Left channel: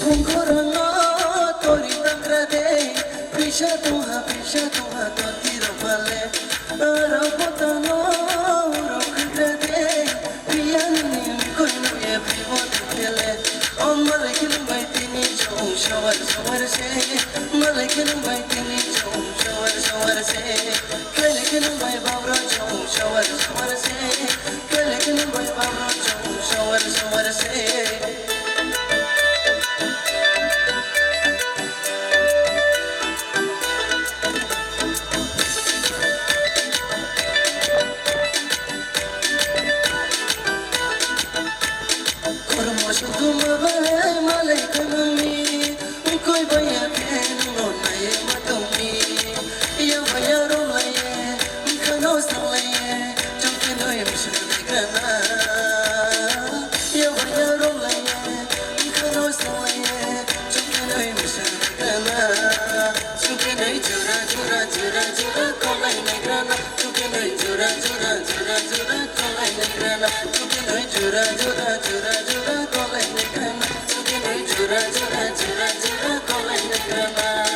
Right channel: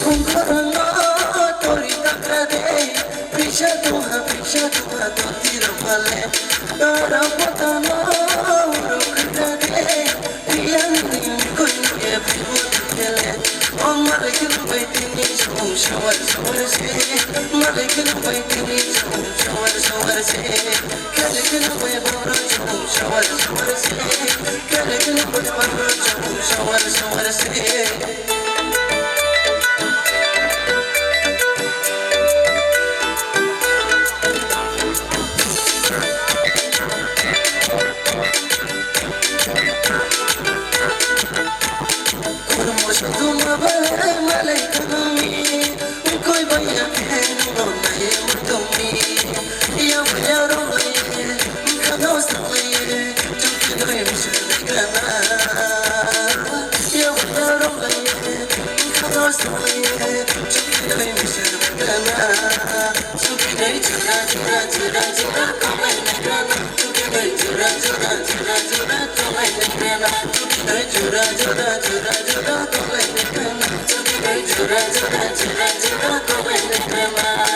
Kung korona tori takrade Pisha tuha totira pale Tara potano uro kakrade Piyanin koinu ye vivo tutele O malekil baitini chau shawar shawar se Malekil baitini chau shawar shawar se Kalekil bai babra chau shawar shawar se Kalekil bai babra chau shawar shawar se Tuma balai malai kanami, koi baya keno nae matami. Ya baya romai, kano samai, chuki noy mshana. Ya baya romai, kano samai, chuki noy mshana. Chuki noy jura jura jura jura kamai nagrana. Chuki noy jura jura jura jura kamai nagrana. Chuki noy jura jura jura jura kamai nagrana. Jura jura jura jura kamai nagrana.